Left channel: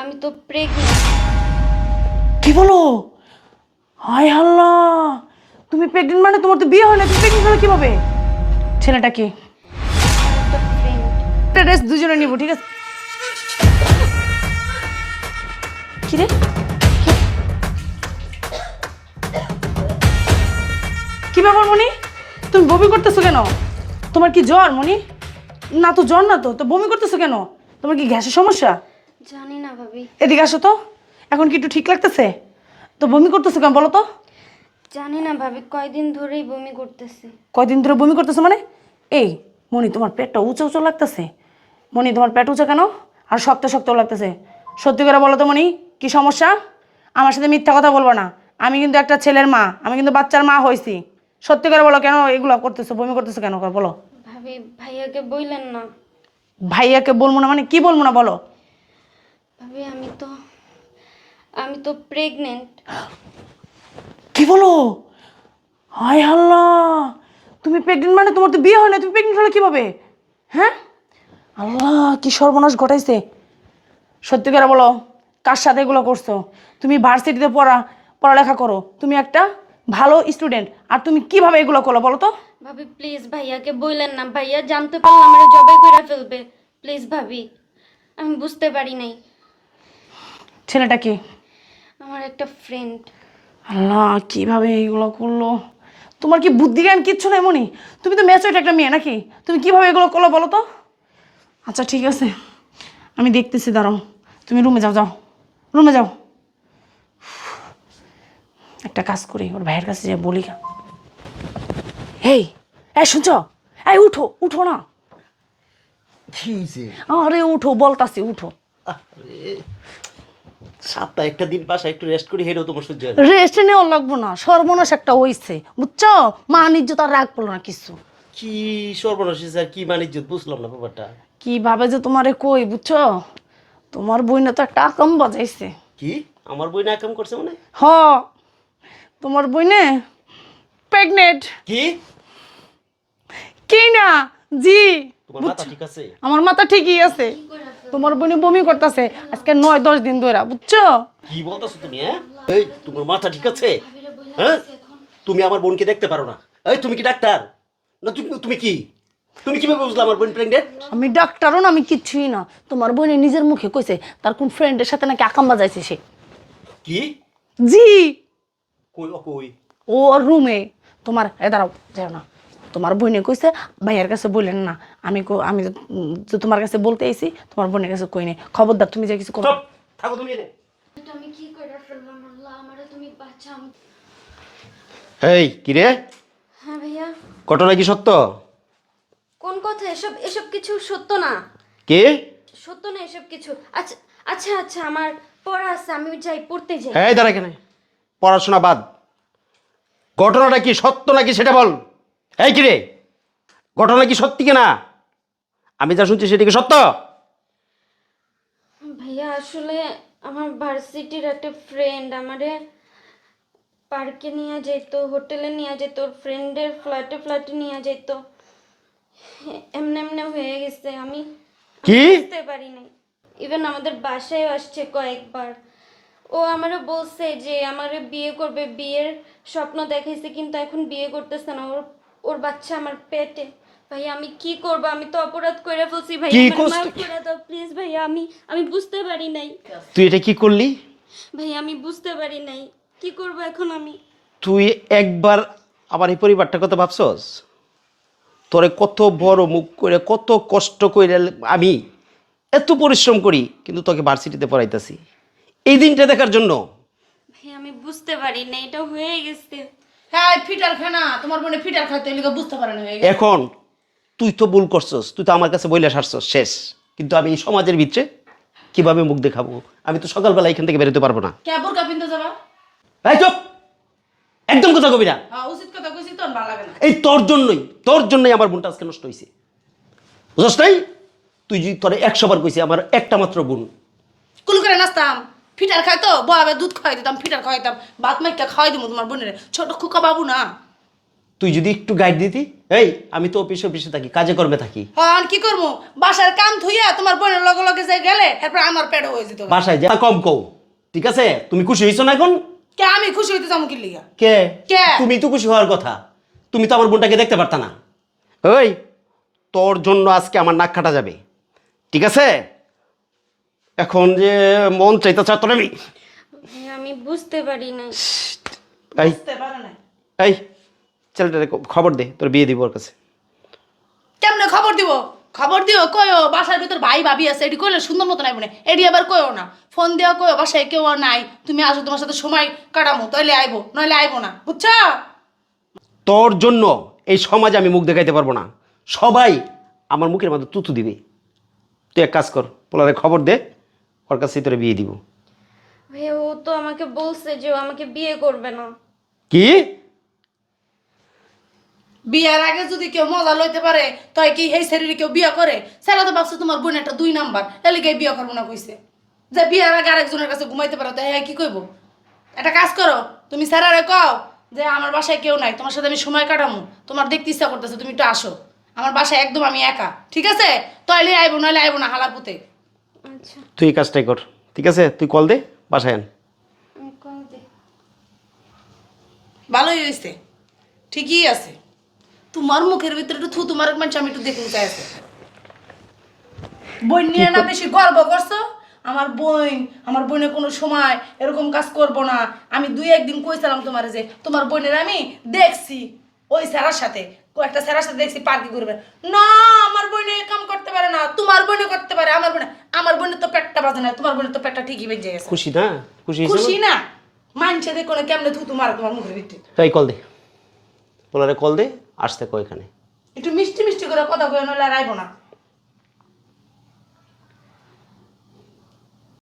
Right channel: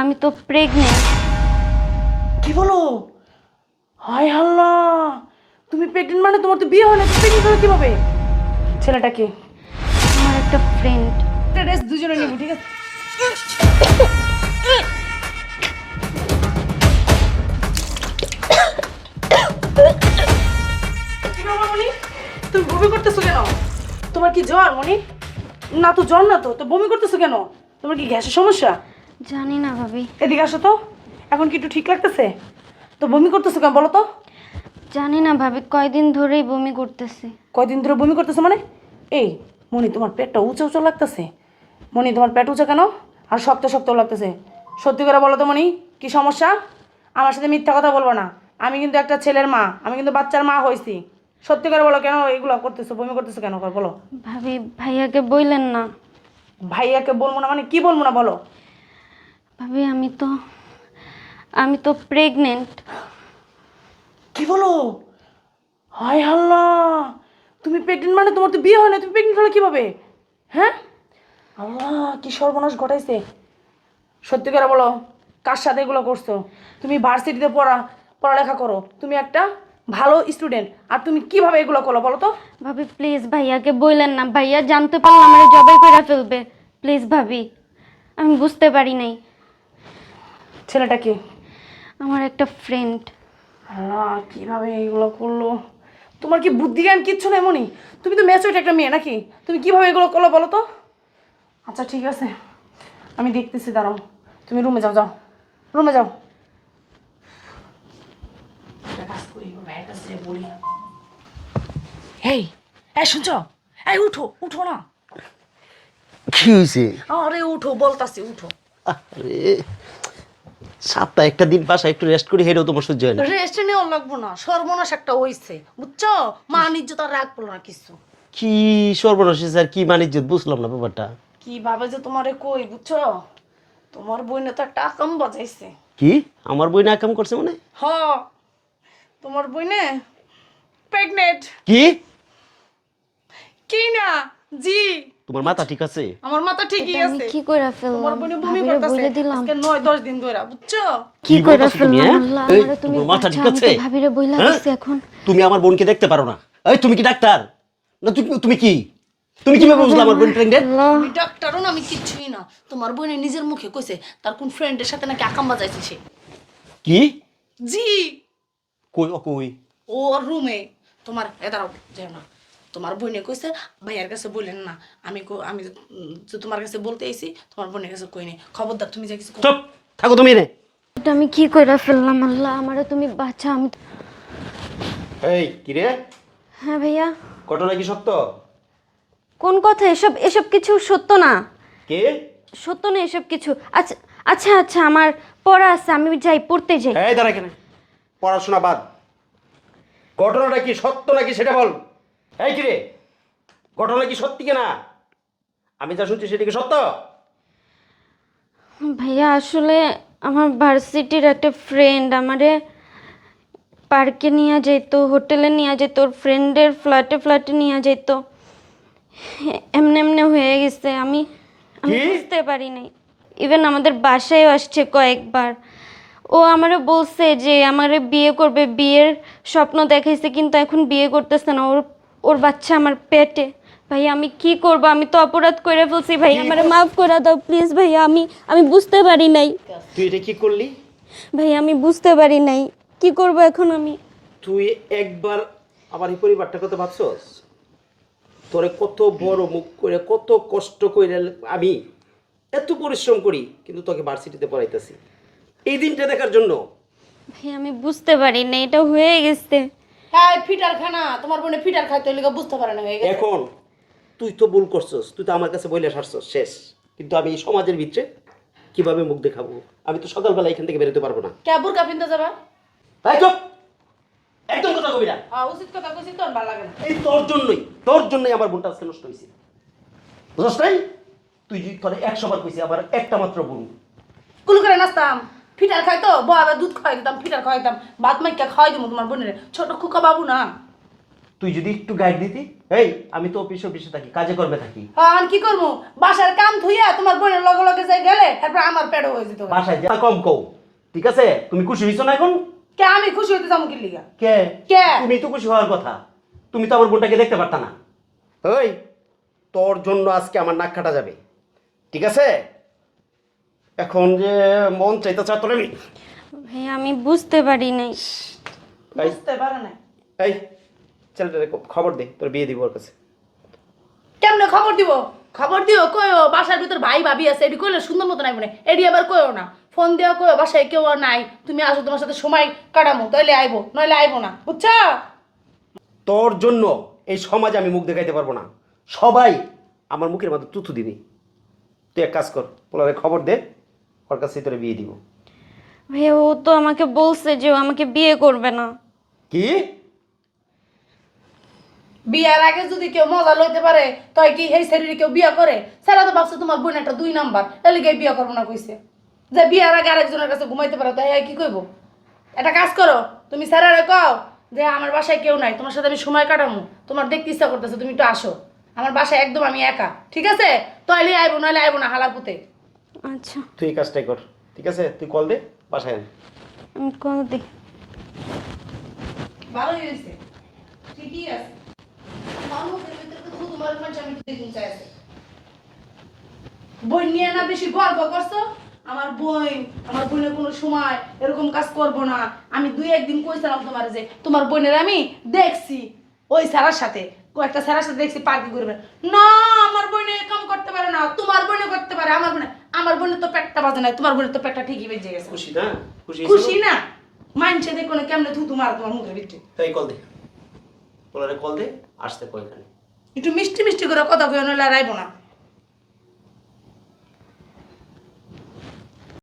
আমি তো প্রেগনেন্ট। কি বলো? হায় আল্লাহ, তুমি প্রেগনেন্ট মানে তোমার তো বিয়ে হয় না, তুমি প্রেগনেন্ট হলো কিভাবে? ছেলেটা কি? আমার একটা ফ্রেন্ড। একটা রেস্ট দুজনে নিব, ঠিক আছে? কি রে? কি ব্যাপার মনি? তুমি বমি করতেছো কেন? তোমার কি জ্বর মনি? না তো জ্বর না, তো বমি করতেছো কেন? তোমার কি গ্যাসের সমস্যা? জানি না ভাবি। এদিকে আসো তো। এখন কি একটু ঠিক লাগতেছে? তো বমি করতেছো কেন বলো তো? জানি না ভাবি, কয়দিন ধরেই বমি করতেছি। কয়দিন ধরে বমি করতেছো মানে? এই মনি, তোমার পেটটা উঁচা উঁচা লাগতেছে। মনি, তোমার পেট উঁচা কেন? আর শক্ত শক্ত লাগতেছে। সত্যি করে বলো তো মনি, কি সমস্যা? আমার সাথে মিথ্যা কথা বলবো না। আমি কিন্তু একটা ছেলের মা, আমি কিন্তু বাচ্চার মা হয়েছি। সত্যি করে বলো, কেন এগুলো করতেছো, বমি করতেছো কেন বলো? ভাবি, ভাইয়াকে বললেন না। ভাইয়াকে বলবো না মানে কি বলবো না বলো? ভাবি, আমি তো প্রেগনেন্ট। কি বলো? হায় আল্লাহ, তুমি প্রেগনেন্ট মানে তোমার তো বিয়ে হয় না, তুমি প্রেগনেন্ট হলে কিভাবে? হ্যাঁ, আল্লাহ কি সর্বনাশ ঘটাইছে। সত্যি করে বলো, কার সাথে এগুলো করছো? তুমি ভার্সিটিতে পড়ালেখা করো, তুমি একটা ভালো স্টুডেন্ট, আর তুমি কিভাবে এগুলো করো বলো তো? ভাবি প্লিজ ভাইয়াকে বললেন না, ভাইয়া জানতে পারলে আমার জবাই করে ফেলবে। প্লিজ ভাবি, আমি বুঝতে পারি নাই। ছেলেটা কি? আমার একটা ফ্রেন্ড। আল্লাহ কিভাবে এগুলো করলো? তোমার কি বুদ্ধি জ্ঞান কিচ্ছু নেই মনি? তুমি তো ম্যাচুরেট একটা মেয়ে নাকি? তুমি কিভাবে এগুলো করলো বলো তো? আচ্ছা ঠিক আছে, আমি দেখতেছি, দাঁড়াও। তুমি রুমে যাও, যাও রুমে যাও। একটা কাজ করি, ওর ভাইয়ের কাছে যে বলি। এই এই শুনছ? এই উঠো উঠো না। কি হয়েছে? আরে উঠো বলতাছি, উঠো। আরে সপ্তাহে একটা দিন বাসায় একটু রেস্ট করি, হেরেও তোমার সহ্য হয় না। রেস্ট নেওয়া লাগবো না, সর্বনাশ একটা হইছে বুঝছো? মান ইজ্জত আর রাগ পড়লো না কিছু। কি সর্বনাশ স্যার, কি বাণিজ্য বুঝলাম না ব্যাপারটা। কিভাবে যে তোমারে কই বুঝছো? তোমার বইনে তো একটা আকাম বাজাইছে। কি আমার বই না কাম করছে মানে? হ, তোমার বইনে প্রেগনেন্ট। কি কি না? জি। তোমার মাথা ঠিক আছে? আমার মাথা ঠিকই আছে। কি কইরা ফেললাম? তোমার বইনে বমি ভাবিরে করতেছে বইলে দিলাম। আজকে 9-10 দিন ধরে বুঝছো? কি কইরা বলতাছো তুমি, ফেললাম? হ্যাঁ? আল্লাহ, এই, আমারে তুমি তোমার মাথা ঠিক বাঁচাও, আমি আছে? তো ভাবিরে বইলা হ্যাঁ? দিছি এখন। তুমি আমার বোনকে দেখতে পারো না? এই তুমি কি ডাক্তার? না তুমি তুমি কি? তুমি কিভাবে বুঝলা আমার বোন প্রেগনেন্ট? আমি ডাক্তারও না, আমি কিচ্ছুই না। তোমার বোনে নিজের মুখে কইছে তার কোন ফ্রেন্ডের সাথে নাকি আকাম বাজাইছে সে। কি জি। কই ও কই? ও রুমে। তোমার দাঁড়াও, যাও না। তোমার বোনে কইছে ভাইয়ার কাছে বললেন না। আমি যে তোমার কাছে বলতে আইছি, তোমার বোনের কাছে কই নাই। খবরদার তুমি যে কিছু করো। চুপ থাকো তুমি রে। এটা আমি কি কইরা ফেললাম? আল্লাহ, আমারে তুমি বাঁচাও। আমি এই কি রে, হ্যাঁ ভাইয়া। ঘটনা কি সত্য? কোন কথা? এসব এসব কিছু সত্য না। কি? সত্য না এসব কিছু। আচ্ছা আচ্ছা আচ্ছা, আমার পড়া আছে, আমি যাই, পড়তে যাই। এই দাঁড়া, এখানে পড়াশোনা বাদ, ঘটনাটা কি সত্য নাকি সেটা বল। এই কি রে, ঘটনা কি সত্যি কিনা? আমি যা শুনছি সেটা কি সত্য? ভাইয়া আসলে আমার ভার্সিটির একটা ফ্রেন্ড আমারে পার্কে নিয়ে যেত, হোটেলে নিয়ে যেত, ওর ফ্রেন্ডের ফ্ল্যাটে ফ্ল্যাটে নিয়ে যেত। এমনি এমনি হয়ে গেছে, আমি কি? বুঝতে পারি নাই। ইভেন আমাদের বাসায়ও আসছে কয়েকবার। ও আমারে বলছে যে আমারে বিয়ে করবে, বিয়ের স্বপ্ন দেখাইছে, কিন্তু এখন বিয়ে করতেছে না। ওর ওর বাচ্চা আমার পেটে। ভাইয়া আমি কি করব? আমি তো অপরাধ করে ফেলছি ভাইয়া, কি আমারে করছিস? মাফ করে দাও প্লিজ ভাইয়া। আমি বুঝতে পারি নাই তুই এটা কি করলি? ভাইয়া, আমি বুঝতে পারি নাই। কি করব এখন আমি? তুই একবার আমার এই পরিবারটার কথা ভাবছস? তোরে কত বড় মুখ করে, কত কষ্ট করে আমি এত পরিশ্রম করি, কিন্তু তোকে ভার্সিটিতে পড়াইতেছি এই দিনটা দেখার জন্য। ভাইয়া আমি বুঝতে পারি নাই, এটা হয়ে গেছে। হ্যাঁ ফিটার খানা, তোমার বোনে ফিটার খাইতে লিগে বুঝতে পারে না হয়ে গেছে। এখন তুই তো ভুল করছস, তুই তো আমার কাছে বইলে সারছস শেষ, কিন্তু আমি এই সমাজের ভিতরে কিভাবে মুখ দেখাবো? আমি তো সকালবেলা এখান থেকে বেরোতে পারবো না। কে বুরকা পিনতে যাবা? এই চুপ, একদম কথা কবি না। উচিত কথা কইছি তো, ভালো লাগে না। এই তোর জন্যই আমার বোনটা আজকে নষ্ট হয়েছে, বুঝছ নাই? তুই যদি তোরে 100 বার কইছি আমার একটা মাত্র বোন। কুল করে নাচতাম, ফিটার খাইতো, বউ আবার দুধ খাওয়াই দিতাম, ফিটার খাওয়াইতাম, ভাত মাইকা খাওয়াই দিতাম তোমার বোনের। ছোট খুকা বাবু না। তুই যদি একটু গাইড দিতি। এই আমি তো অফিসে অফিসে থাকি, কাজে করবে থাকি। হ্যাঁ কি করবো, বাসার কাম থুইয়া তোমার বোনের লগে লগে যে গেলে এরপর আমার পেটে হয়ে যেত। বাসায় যা কম কও, ঠিক আছে? তুমি খুশি হইছো না এখন? কে আমি খুশি হইতে যাবো কি লিগা? কে? কে? তুমি তো খুশি হওয়ার কথা, তুমি তো আমার বোনটাকে দেখতে পারতা না। ওই তোর জন্য আজকে আমার নাক কাটা যাবে, ঠিক আছে? এখন যে মন চাইতেছে তোর আমি ভাইয়া আমি বুঝতে পারি নাই। এই বুঝতে পারে না এই ছেলেটারে খবর দে, তোর বিয়ে দিব ওর কাছে। কেমনে খবর দিব? খবর দিও কয়ও বাসার ভিতর ভাই ভাবি আছে, এটি কইলে সুন্দর মতো নাই মনে, এটি আবার কয়ও না, ফোন দেওয়া কয়ও বাসায় কেউ নাই, তুমি আসো তোমার সাথে সময় কাটামো, তাইলে আইবো নইলে আইবো না, বুঝছো? তোর জন্য এই সমাজে আমি মুখ দেখাইতে পারবো না, সবাই আমার মুখের মধ্যে তুতু দিবে। তুই এক কাজ কর, পোলারে খবর দে, ওর কাছে তোরে বিয়ে দিব। ভাইয়া ও তো আমাকে বলছে যে ও আমাকে বিয়ে করবে না। কি? বিয়ার আগে যদি কেউ মজা লইতে পারে তাই কি এই শরীরে কেউ বিয়া করে? সেরা তো ভাবছে তোমার বোন একটা 2 নাম্বার, এলে গিয়ে বিয়া করবো না কইছে। যে বিয়ার আগে আরেকজনের কাছে ঘুমাইতে পারো তাই কি কইবো? একটা কাজ করো, তুমি স্যারারে কও যে আমার বাসায় কেউ নাই, তোমার সাথে আমি সময় কাটামু, তোমার দেখতে ইচ্ছা করতেছে, তুমি একটু আসো আমার বাসায়, একদম আমি একা, ঠিক আছে? তাইলে আইবো নইলে আইবো না, হালার পুতে। আচ্ছা তুই এই কাজটাই কর, ঠিক আছে? তুই কল দে, বাসায় আন। আমি কল দিই। ভালোই হয়েছে, ঠিকই আছে। তোমার মুখের ভিতরে একটু থু, তোমার মানুষ আমি একটু দেখতে চাই আছে। বই নিয়ে না বেশি গর্ব করছো? আমার বোনে কোনো সময় এরকম কাজ করবো না। আমি 2-1 দিন কইছিলাম তোমার যে তোমার বোনের আমি দেখছি ওই স্যারের সাথে, একটা স্যারের সাথে দেখছি পার্কে করবে না, আমার বোনে কাম করতে পারে না, তোমার বোনে করতে পারে। আমার বোনের তো পেটটা বাজে না, তোমার বোনের তো পেটটা ঠিকই বেজে গেছে। খুশি না? খুশি হয়েছো? খুশি না? মানছে দেখো না কেমনে থু তোমার তোমার মুখের ভিতরে। তাই কল দে, পোলারে কল দে, আসতে কো এখানে। একটু মিষ্টি মিষ্টি করে কথা কই, নইলে আর আইবো না।